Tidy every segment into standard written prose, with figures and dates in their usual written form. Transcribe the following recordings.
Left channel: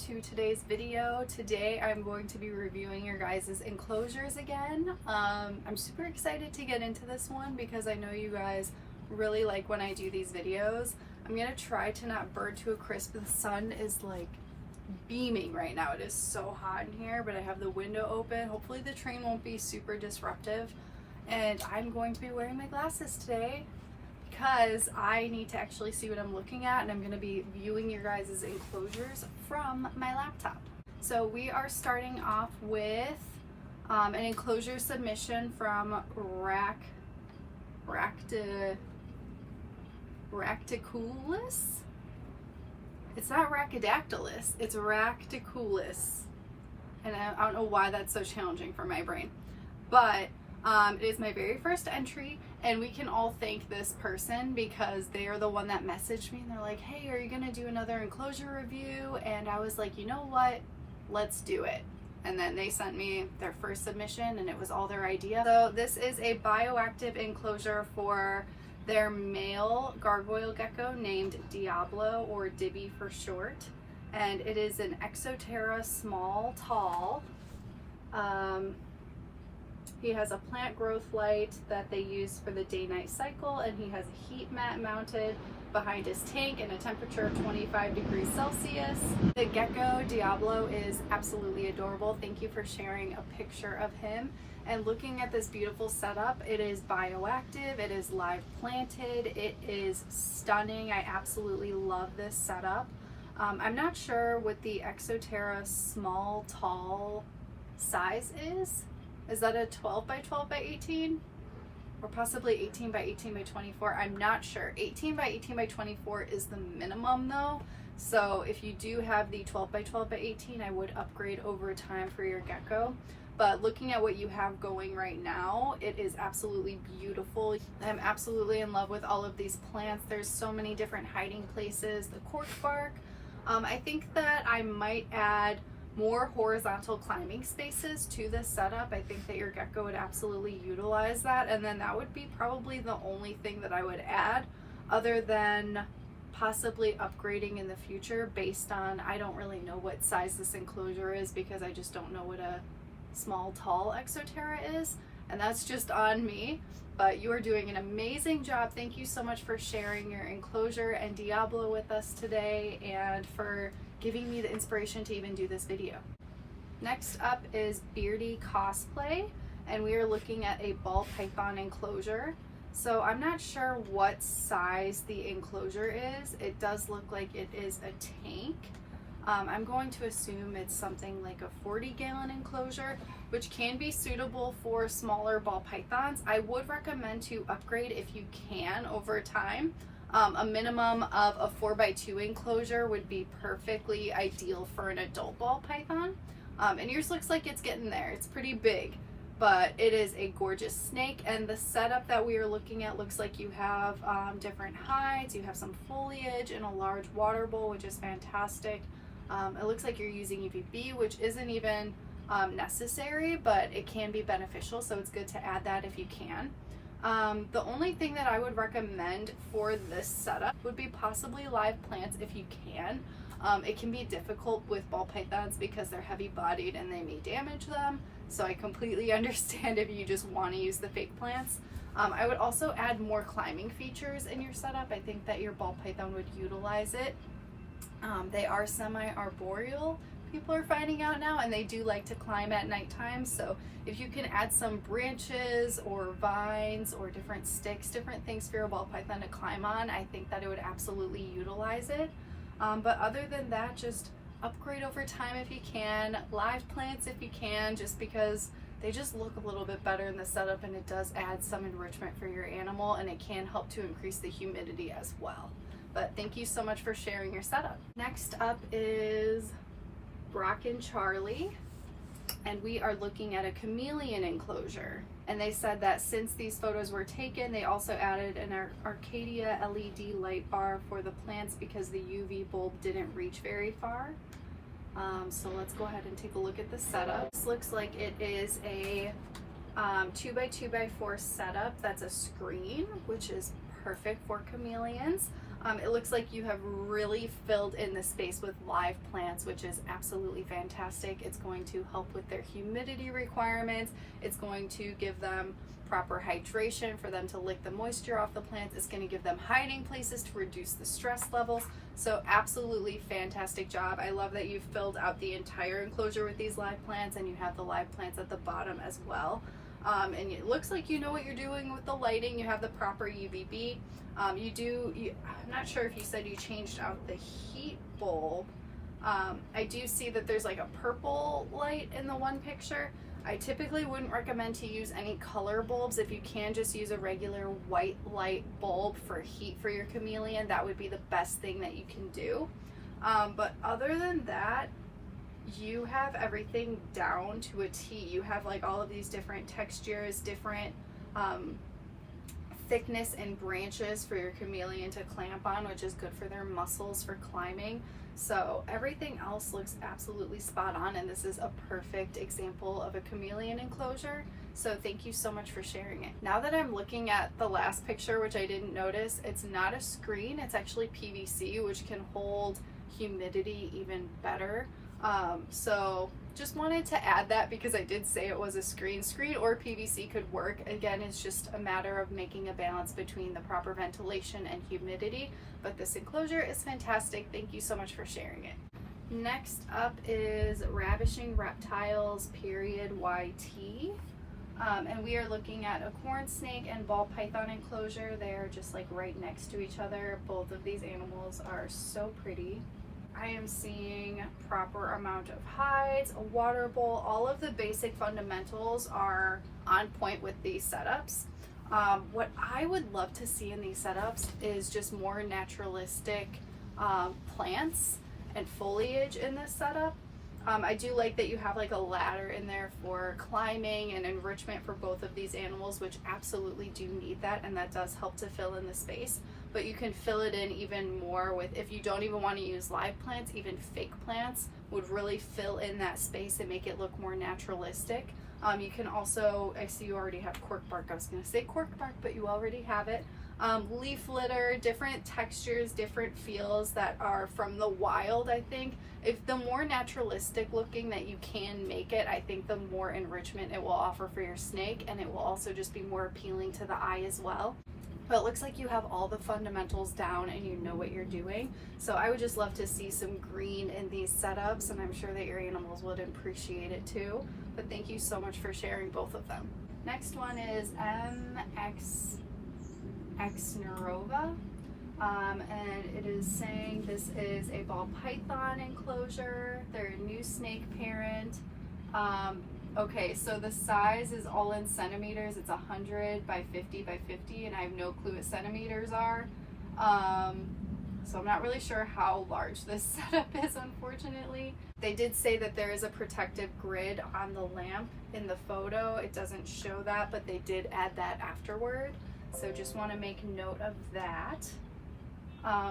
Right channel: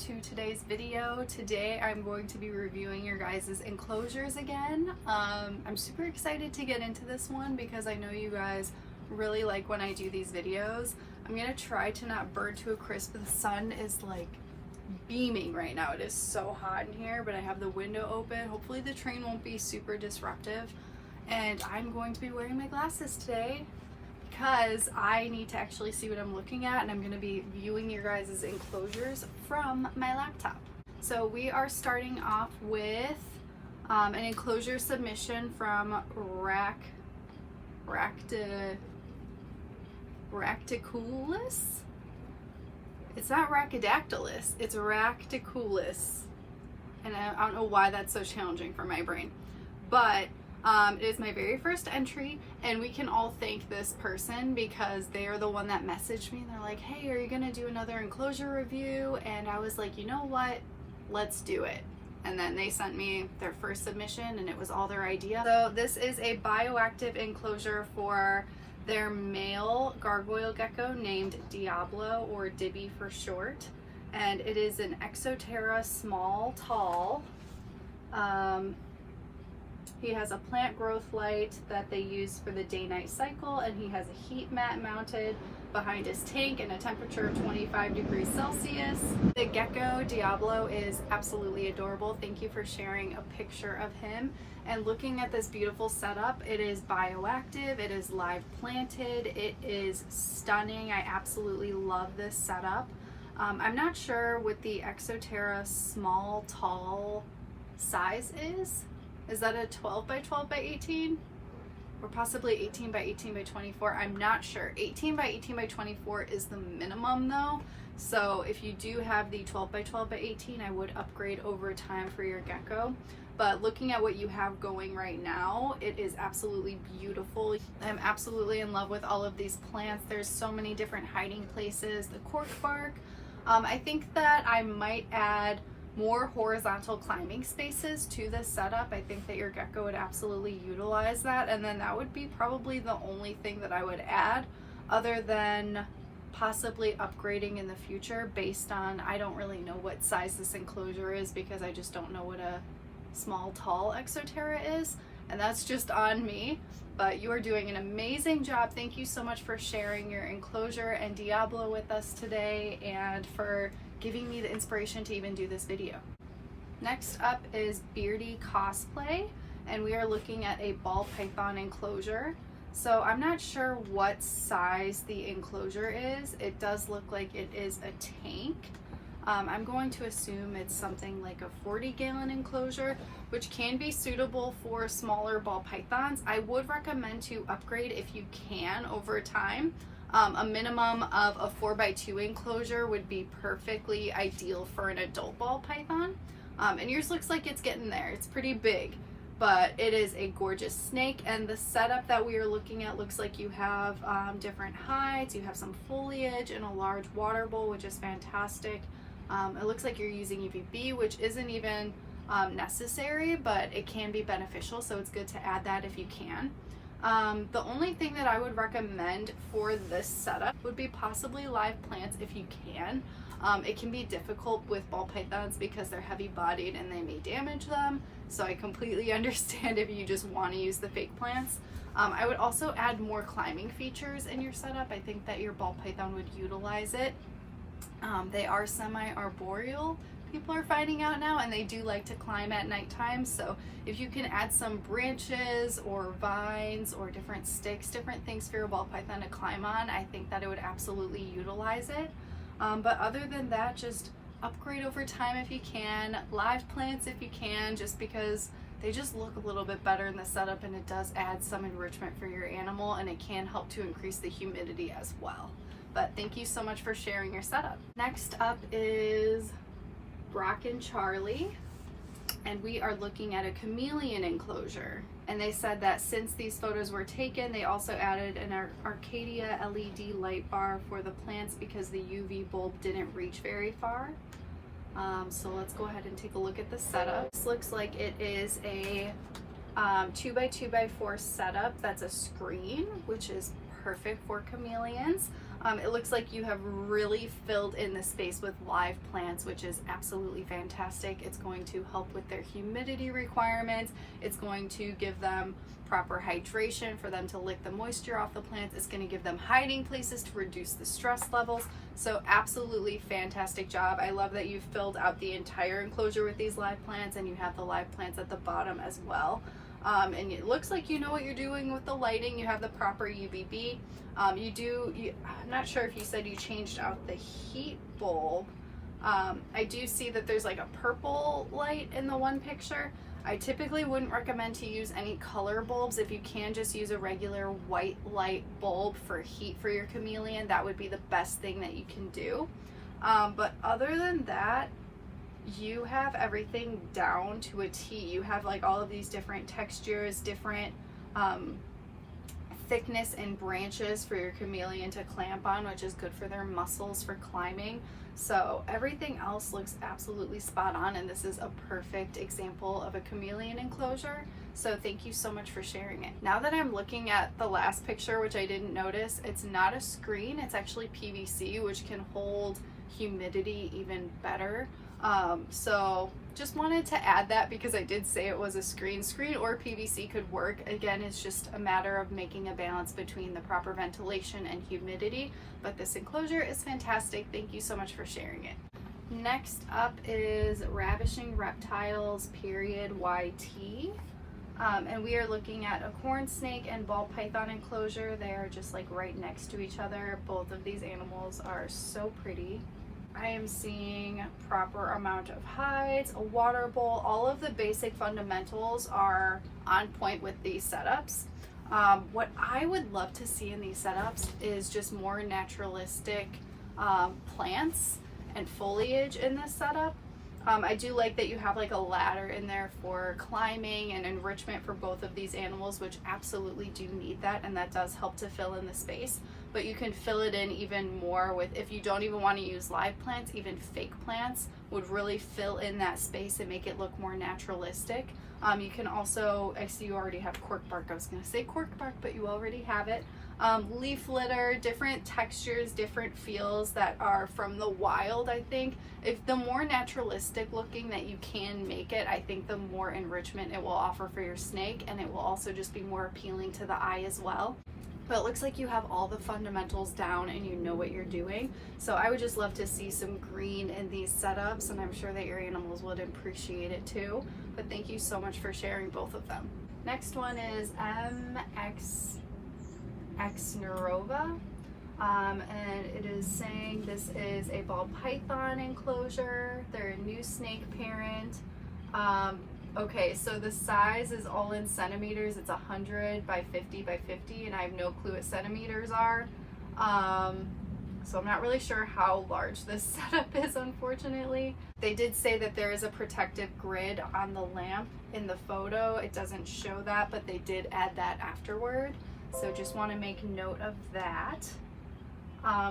to today's video. Today I'm going to be reviewing your guys' enclosures again. I'm super excited to get into this one because I know you guys really like when I do these videos. I'm gonna try to not burn to a crisp. The sun is like beaming right now. It is so hot in here, but I have the window open. Hopefully the train won't be super disruptive. And I'm going to be wearing my glasses today because I need to actually see what I'm looking at, and I'm going to be viewing your guys' enclosures from my laptop. So we are starting off with an enclosure submission from Racticulus. It's not Rhacodactylus, it's Racticulus. And I don't know why that's so challenging for my brain. But it is my very first entry, and we can all thank this person because they are the one that messaged me and they're like, hey, are you gonna do another enclosure review? And I was like, you know what, let's do it. And then they sent me their first submission and it was all their idea. So this is a bioactive enclosure for their male gargoyle gecko named Diablo, or Dibby for short. And it is an Exoterra small tall. He has a plant growth light that they use for the day-night cycle, and he has a heat mat mounted behind his tank and a temperature of 25 degrees Celsius. The gecko, Diablo, is absolutely adorable. Thank you for sharing a picture of him. And looking at this beautiful setup, it is bioactive, it is live planted, it is stunning. I absolutely love this setup. I'm not sure what the Exoterra small tall size is. Is that a 12 by 12 by 18? Or possibly 18 by 18 by 24? I'm not sure. 18 by 18 by 24 is the minimum though. So if you do have the 12 by 12 by 18, I would upgrade over time for your gecko. But looking at what you have going right now, it is absolutely beautiful. I'm absolutely in love with all of these plants. There's so many different hiding places. The cork bark. I think that I might add more horizontal climbing spaces to this setup. I think that your gecko would absolutely utilize that, and then that would be probably the only thing that I would add, other than possibly upgrading in the future based on, I don't really know what size this enclosure is because I just don't know what a small tall Exoterra is, and that's just on me. But you are doing an amazing job. Thank you so much for sharing your enclosure and Diablo with us today, and for giving me the inspiration to even do this video. Next up is Beardy Cosplay, and we are looking at a ball python enclosure. So I'm not sure what size the enclosure is. It does look like it is a tank. I'm going to assume it's something like a 40-gallon enclosure, which can be suitable for smaller ball pythons. I would recommend to upgrade if you can over time. A minimum of a 4x2 enclosure would be perfectly ideal for an adult ball python. And yours looks like it's getting there. It's pretty big, but it is a gorgeous snake. And the setup that we are looking at looks like you have different hides, you have some foliage, and a large water bowl, which is fantastic. It looks like you're using UVB, which isn't even necessary, but it can be beneficial, so it's good to add that if you can. The only thing that I would recommend for this setup would be possibly live plants if you can. It can be difficult with ball pythons because they're heavy bodied and they may damage them, so I completely understand if you just want to use the fake plants. I would also add more climbing features in your setup. I think that your ball python would utilize it. They are semi-arboreal, people are finding out now, and they do like to climb at nighttime. So if you can add some branches or vines or different sticks, different things for your ball python to climb on, I think that it would absolutely utilize it. But other than that, just upgrade over time if you can, live plants if you can, just because they just look a little bit better in the setup, and it does add some enrichment for your animal, and it can help to increase the humidity as well. But thank you so much for sharing your setup. Next up is Brock and Charlie, and we are looking at a chameleon enclosure. And they said that since these photos were taken, they also added an Arcadia LED light bar for the plants because the UV bulb didn't reach very far. So let's go ahead and take a look at the setup. This looks like it is a 2x2x4 setup that's a screen, which is perfect for chameleons. It looks like you have really filled in the space with live plants, which is absolutely fantastic. It's going to help with their humidity requirements. It's going to give them proper hydration for them to lick the moisture off the plants. It's going to give them hiding places to reduce the stress levels. So absolutely fantastic job. I love that you've filled out the entire enclosure with these live plants, and you have the live plants at the bottom as well. And it looks like you know what you're doing with the lighting. You have the proper UVB. I'm not sure if you said you changed out the heat bulb. I do see that there's like a purple light in the one picture. I typically wouldn't recommend to use any color bulbs. If you can, just use a regular white light bulb for heat for your chameleon. That would be the best thing that you can do. But other than that, you have everything down to a T. You have like all of these different textures, different thickness and branches for your chameleon to clamp on, which is good for their muscles for climbing. So everything else looks absolutely spot on, and this is a perfect example of a chameleon enclosure. So thank you so much for sharing it. Now that I'm looking at the last picture, which I didn't notice, it's not a screen, it's actually PVC, which can hold humidity even better. So just wanted to add that because I did say it was a screen. Screen or PVC could work. Again, it's just a matter of making a balance between the proper ventilation and humidity, but this enclosure is fantastic. Thank you so much for sharing it. Next up is Ravishing Reptiles YT. And we are looking at a corn snake and ball python enclosure. They are just like right next to each other. Both of these animals are so pretty. I am seeing proper amount of hides, a water bowl. All of the basic fundamentals are on point with these setups. What I would love to see in these setups is just more naturalistic plants and foliage in this setup. I do like that you have like a ladder in there for climbing and enrichment for both of these animals, which absolutely do need that, and that does help to fill in the space. But you can fill it in even more with, if you don't even want to use live plants, even fake plants would really fill in that space and make it look more naturalistic. You can also, I see you already have cork bark. I was going to say cork bark, but you already have it. Leaf litter, different textures, different feels that are from the wild, I think. If the more naturalistic looking that you can make it, I think the more enrichment it will offer for your snake, and it will also just be more appealing to the eye as well. But it looks like you have all the fundamentals down and you know what you're doing. So I would just love to see some green in these setups, and I'm sure that your animals would appreciate it too. But thank you so much for sharing both of them. Next one is MX Nerova. And it is saying this is a ball python enclosure. They're a new snake parent. Okay, so the size is all in centimeters. It's 100 by 50 by 50, and I have no clue what centimeters are. So I'm not really sure how large this setup is, unfortunately. They did say that there is a protective grid on the lamp in the photo. It doesn't show that, but they did add that afterward. So just want to make note of that.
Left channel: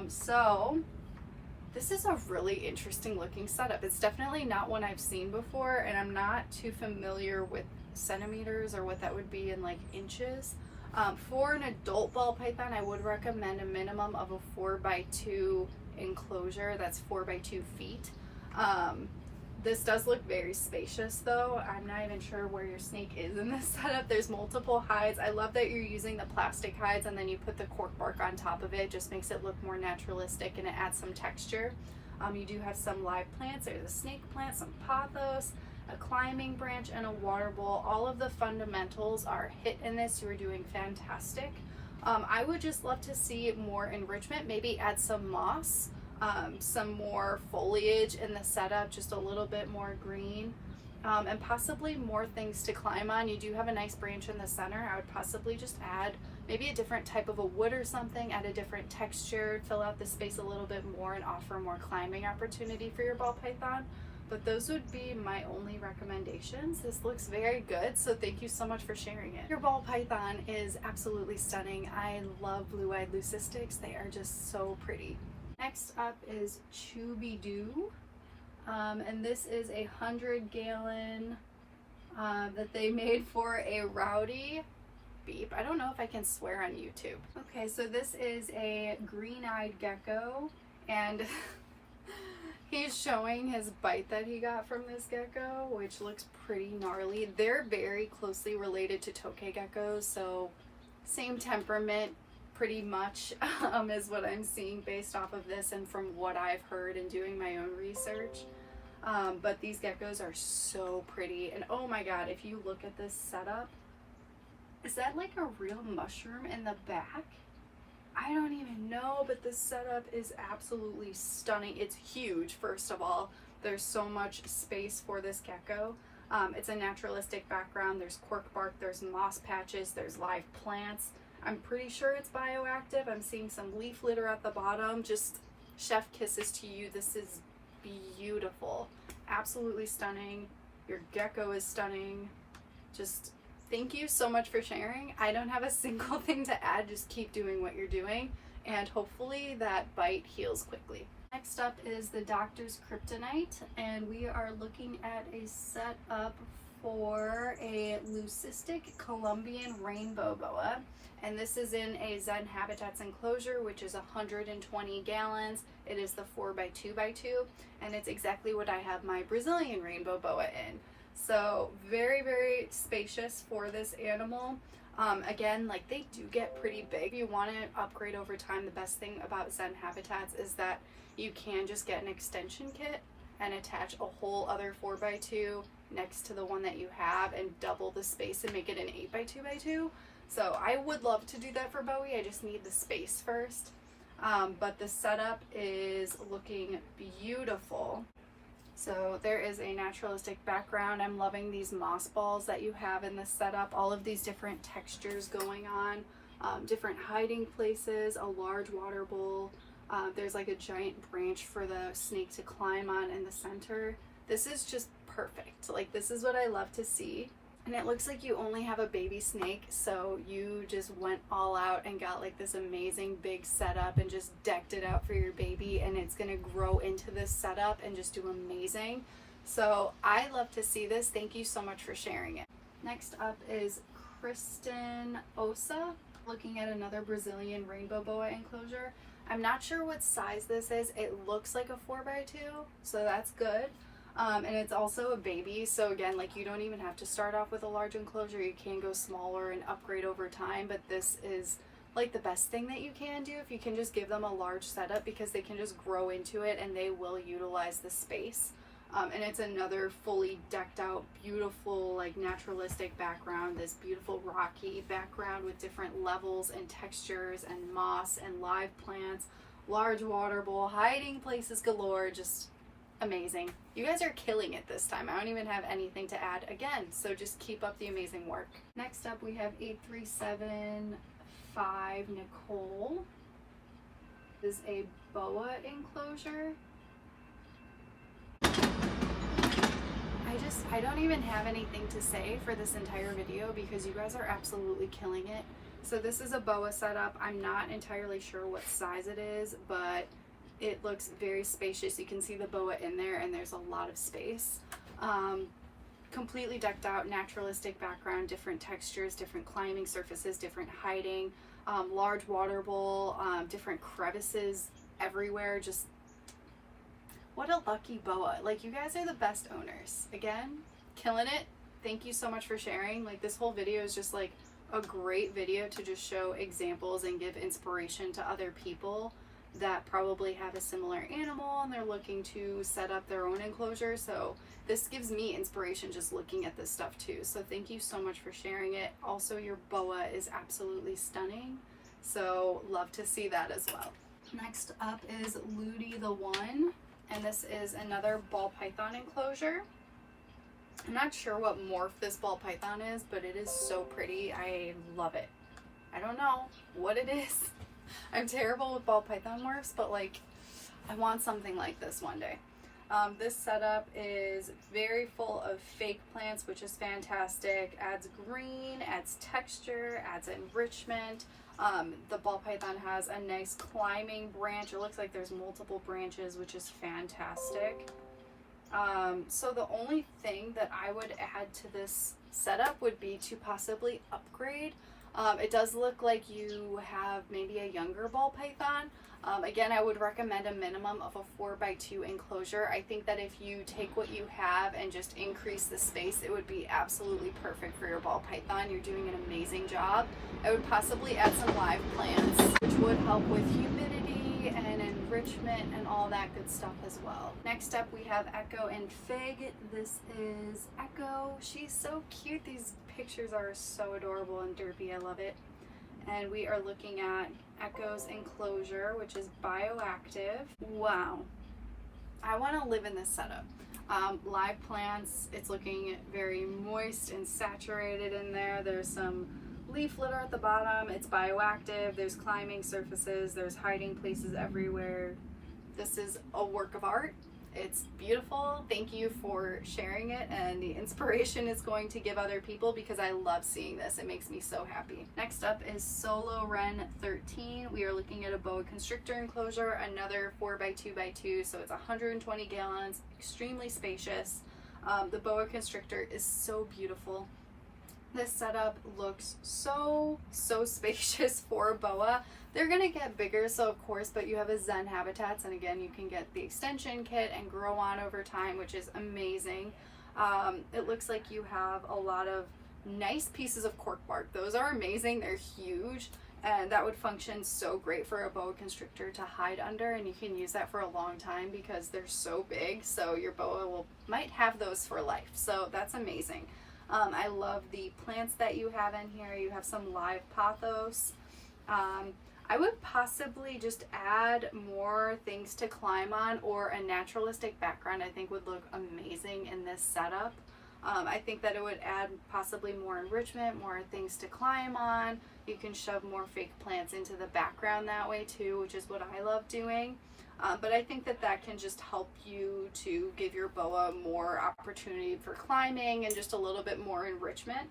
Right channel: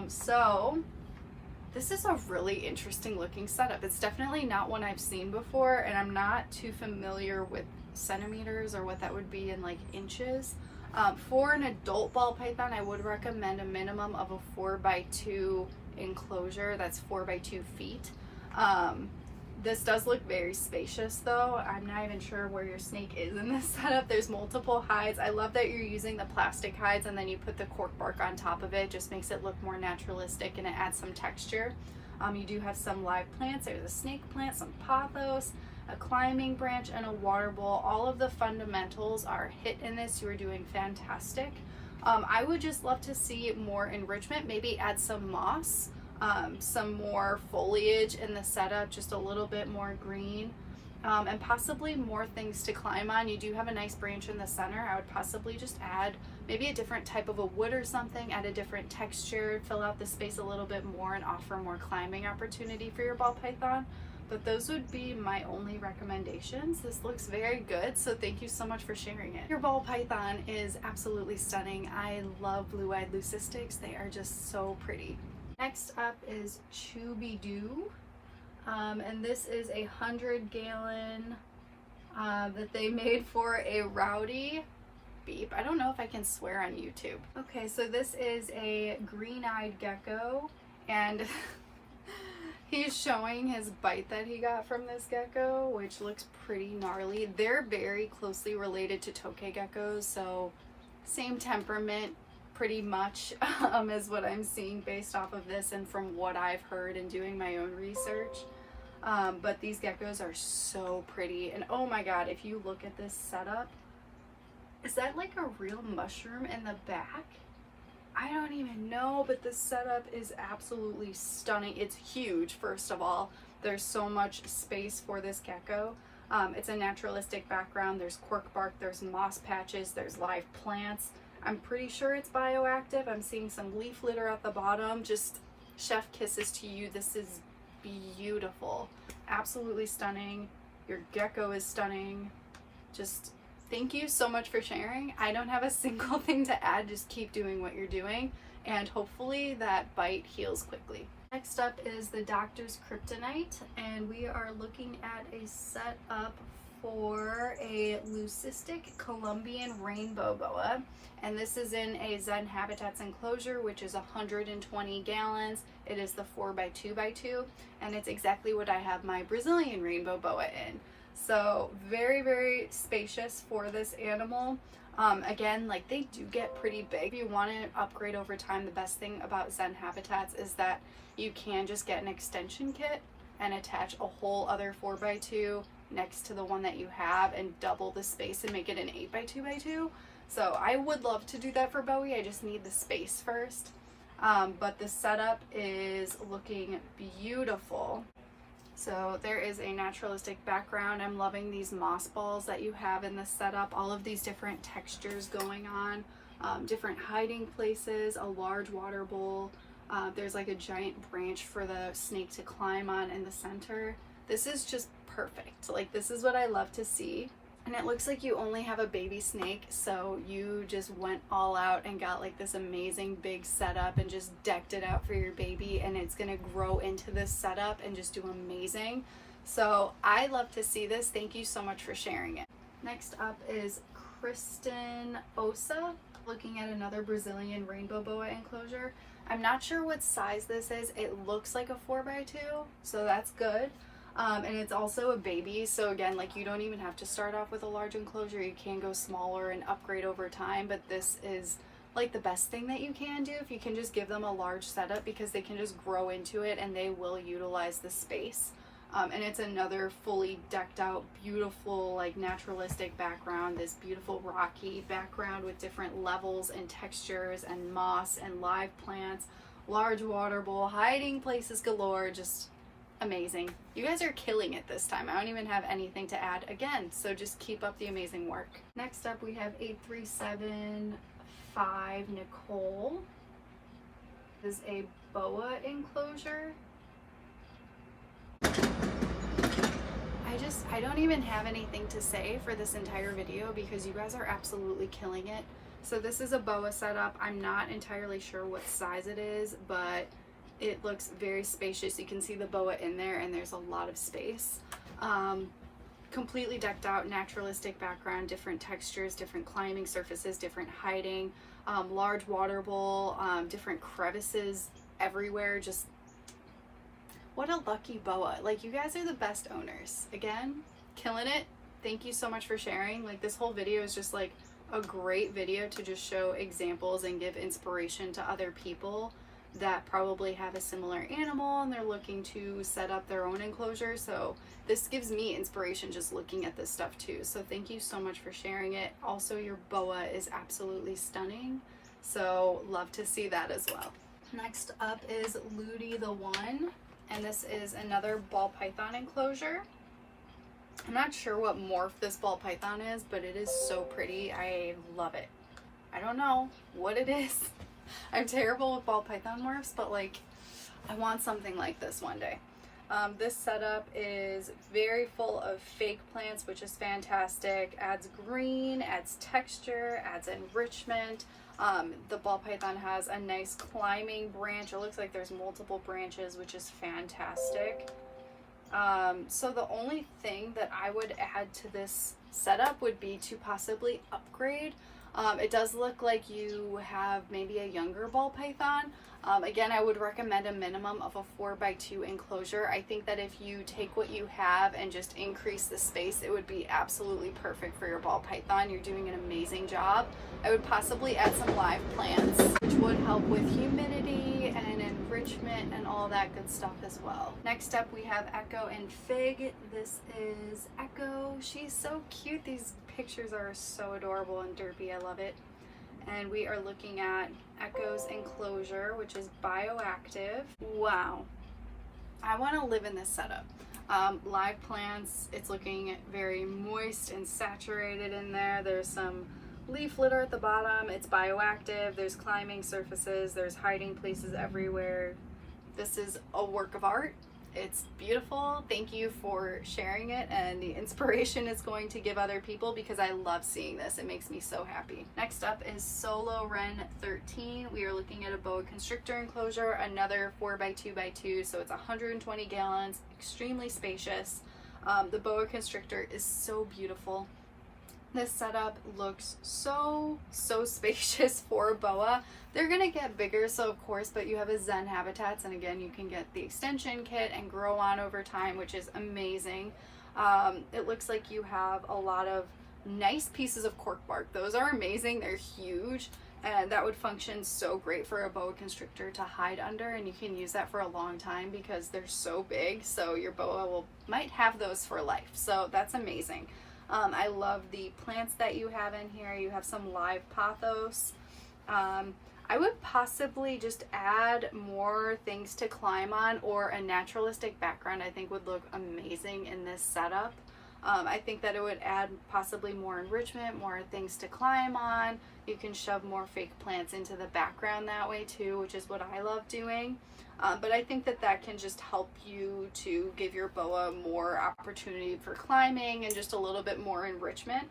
So this is a really interesting looking setup. It's definitely not one I've seen before, and I'm not too familiar with centimeters or what that would be in like inches. For an adult ball python, I would recommend a minimum of a 4x2 enclosure. That's 4x2 feet. This does look very spacious though. I'm not even sure where your snake is in this setup. There's multiple hides. I love that you're using the plastic hides and then you put the cork bark on top of it. It just makes it look more naturalistic and it adds some texture. You do have some live plants. There's a snake plant, some pothos, a climbing branch, and a water bowl. All of the fundamentals are hit in this. You are doing fantastic. I would just love to see more enrichment, maybe add some moss. Some more foliage in the setup, just a little bit more green, and possibly more things to climb on. You do have a nice branch in the center. I would possibly just add maybe a different type of a wood or something, add a different texture, fill out the space a little bit more, and offer more climbing opportunity for your ball python. But those would be my only recommendations. This looks very good, so thank you so much for sharing it. Your ball python is absolutely stunning. I love blue-eyed leucistics. They are just so pretty. Next up is Chubidoo, and this is a 100-gallon that they made for a rowdy beep. I don't know if I can swear on YouTube. Okay, so this is a green-eyed gecko, and he's showing his bite that he got from this gecko, which looks pretty gnarly. They're very closely related to Tokay geckos, so same temperament pretty much is what I'm seeing based off of this and from what I've heard and doing my own research. But these geckos are so pretty, and oh my god, if you look at this setup, is that like a real mushroom in the back? I don't even know, but this setup is absolutely stunning. It's huge, first of all. There's so much space for this gecko. It's a naturalistic background. There's cork bark, there's moss patches, there's live plants. I'm pretty sure it's bioactive. I'm seeing some leaf litter at the bottom. Just chef kisses to you. This is beautiful. Absolutely stunning. Your gecko is stunning. Just thank you so much for sharing. I don't have a single thing to add. Just keep doing what you're doing, and hopefully that bite heals quickly. Next up is the Doctor's Kryptonite, and we are looking at a setup for a leucistic Colombian rainbow boa, and this is in a Zen Habitats enclosure, which is 120 gallons. It is the 4x2x2, and it's exactly what I have my Brazilian rainbow boa in. So very, very spacious for this animal. Again, like, they do get pretty big. If you want to upgrade over time, the best thing about Zen Habitats is that you can just get an extension kit and attach a whole other 4x2 next to the one that you have and double the space and make it an 8x2x2. So I would love to do that for Bowie. I just need the space first. But the setup is looking beautiful. So there is a naturalistic background. I'm loving these moss balls that you have in this setup. All of these different textures going on, different hiding places, a large water bowl. There's like a giant branch for the snake to climb on in the center. This is just perfect. Like, this is what I love to see. And it looks like you only have a baby snake, so you just went all out and got like this amazing big setup and just decked it out for your baby, and it's gonna grow into this setup and just do amazing. So I love to see this. Thank you so much for sharing it. Next up is Kristen Osa, looking at another Brazilian rainbow boa enclosure. I'm not sure what size this is. It looks like a 4x2, so that's good. And it's also a baby, so again, like, you don't even have to start off with a large enclosure. You can go smaller and upgrade over time, but this is like the best thing that you can do if you can just give them a large setup, because they can just grow into it and they will utilize the space. And it's another fully decked out, beautiful, like, naturalistic background, this beautiful rocky background with different levels and textures and moss and live plants, large water bowl, hiding places galore. Just amazing. You guys are killing it this time. I don't even have anything to add again, so just keep up the amazing work. Next up, we have 8375 Nicole. This is a boa enclosure. I don't even have anything to say for this entire video because you guys are absolutely killing it. So this is a boa setup. I'm not entirely sure what size it is, but it looks very spacious. You can see the boa in there, and there's a lot of space. Completely decked out, naturalistic background, different textures, different climbing surfaces, different hiding, large water bowl, different crevices everywhere. Just what a lucky boa. Like, you guys are the best owners. Again, killing it. Thank you so much for sharing. Like, this whole video is just like a great video to just show examples and give inspiration to other people that probably have a similar animal and they're looking to set up their own enclosure. So this gives me inspiration just looking at this stuff too. So thank you so much for sharing it. Also, your boa is absolutely stunning, so love to see that as well. Next up is Ludi the One, and this is another ball python enclosure. I'm not sure what morph this ball python is, but it is so pretty. I love it. I don't know what it is. I'm terrible with ball python morphs, but like, I want something like this one day. This setup is very full of fake plants, which is fantastic. Adds green, adds texture, adds enrichment. The ball python has a nice climbing branch. It looks like there's multiple branches, which is fantastic. So the only thing that I would add to this setup would be to possibly upgrade. It does look like you have maybe a younger ball python. Again, I would recommend a minimum of a 4x2 enclosure. I think that if you take what you have and just increase the space, it would be absolutely perfect for your ball python. You're doing an amazing job. I would possibly add some live plants, which would help with humidity and enrichment and all that good stuff as well. Next up, we have Echo and Fig. This is Echo. She's so cute. These pictures are so adorable and derpy. I love it. And we are looking at Echo's enclosure, which is Bioactive. Wow, I want to live in this setup. Live plants, it's looking very moist and saturated in there. There's some leaf litter at the bottom. It's Bioactive. There's climbing surfaces. There's hiding places everywhere. This is a work of art. It's beautiful. Thank you for sharing it, and the inspiration is going to give other people because I love seeing this. It makes me so happy. Next up is Solo Wren 13. We are looking at a boa constrictor enclosure, another 4x2x2, so it's 120 gallons, extremely spacious. The boa constrictor is so beautiful. This setup looks so spacious for a boa. They're gonna get bigger, so of course, but you have a Zen habitats, and again, you can get the extension kit and grow on over time, which is amazing. It looks like you have a lot of nice pieces of cork bark. Those are amazing. They're huge, and that would function so great for a boa constrictor to hide under, and you can use that for a long time because they're so big, so your boa might have those for life. So that's amazing. I love the plants that you have in here. You have some live pothos. I would possibly just add more things to climb on, or a naturalistic background I think would look amazing in this setup. I think that it would add possibly more enrichment, more things to climb on. You can shove more fake plants into the background that way too, which is what I love doing. But I think that that can just help you to give your boa more opportunity for climbing and just a little bit more enrichment.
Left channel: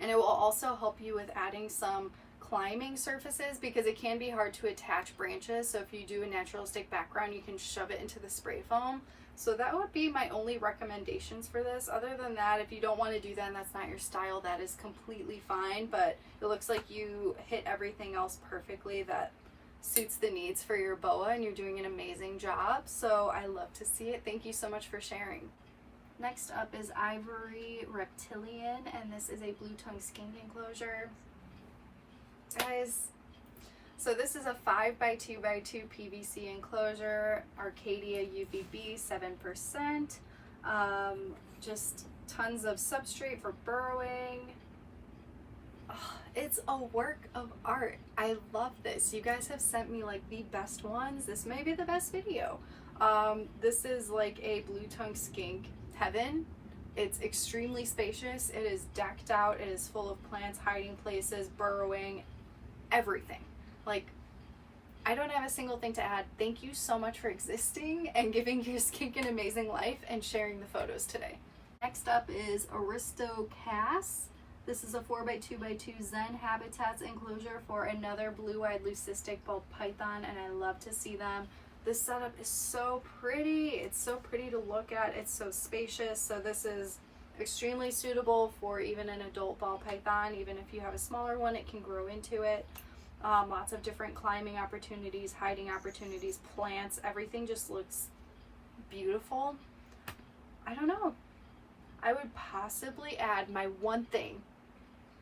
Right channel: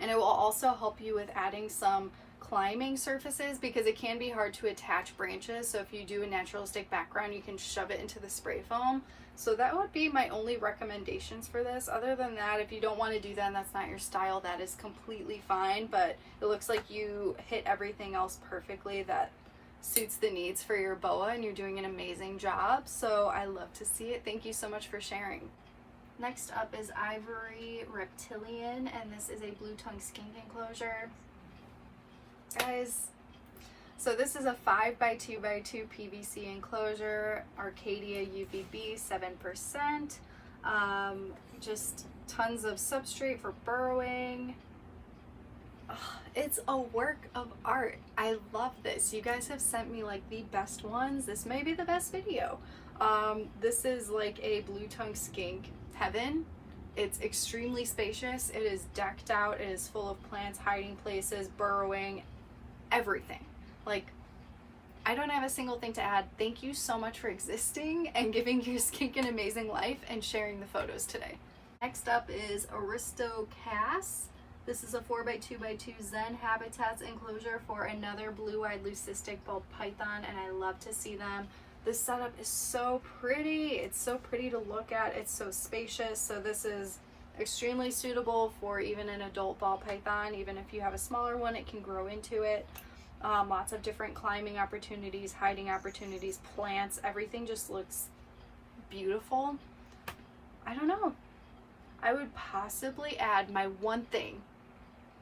And it will also help you with adding some climbing surfaces because it can be hard to attach branches. So if you do a naturalistic background, you can shove it into the spray foam. So that would be my only recommendations for this. Other than that, if you don't want to do that and that's not your style, that is completely fine. But it looks like you hit everything else perfectly that suits the needs for your boa, and you're doing an amazing job. So I love to see it. Thank you so much for sharing. Next up is Ivory Reptilian, and this is a blue tongue skink enclosure. Guys, so this is a 5x2x2 PVC enclosure, Arcadia UVB 7%, just tons of substrate for burrowing. Oh, it's a work of art. I love this. You guys have sent me like the best ones. This may be the best video. This is like a blue tongue skink heaven. It's extremely spacious. It is decked out. It is full of plants, hiding places, burrowing, everything. Like, I don't have a single thing to add. Thank you so much for existing and giving your skink an amazing life and sharing the photos today. Next up is Aristo Cass. This is a 4x2x2 Zen Habitats enclosure for another blue-eyed leucistic ball python, and I love to see them. This setup is so pretty. It's so pretty to look at. It's so spacious. So this is extremely suitable for even an adult ball python. Even if you have a smaller one, it can grow into it. Lots of different climbing opportunities, hiding opportunities, plants. Everything just looks beautiful. I don't know. I would possibly add my one thing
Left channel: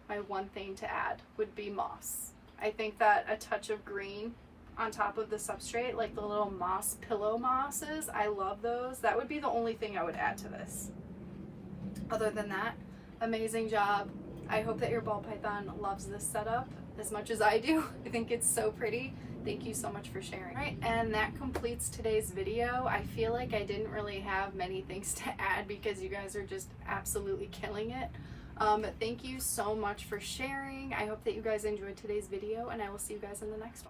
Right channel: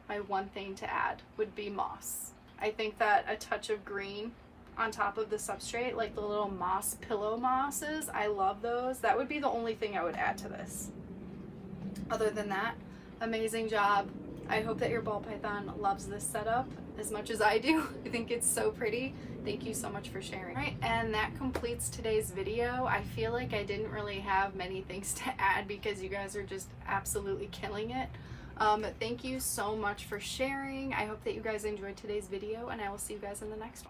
to add would be moss. I think that a touch of green on top of the substrate, like the little moss pillow mosses, I love those. That would be the only thing I would add to this. Other than that, amazing job. I hope that your ball python loves this setup as much as I do. I think it's so pretty. Thank you so much for sharing. All right, and that completes today's video. I feel like I didn't really have many things to add because you guys are just absolutely killing it. Thank you so much for sharing. I hope that you guys enjoyed today's video, and I will see you guys in the next one.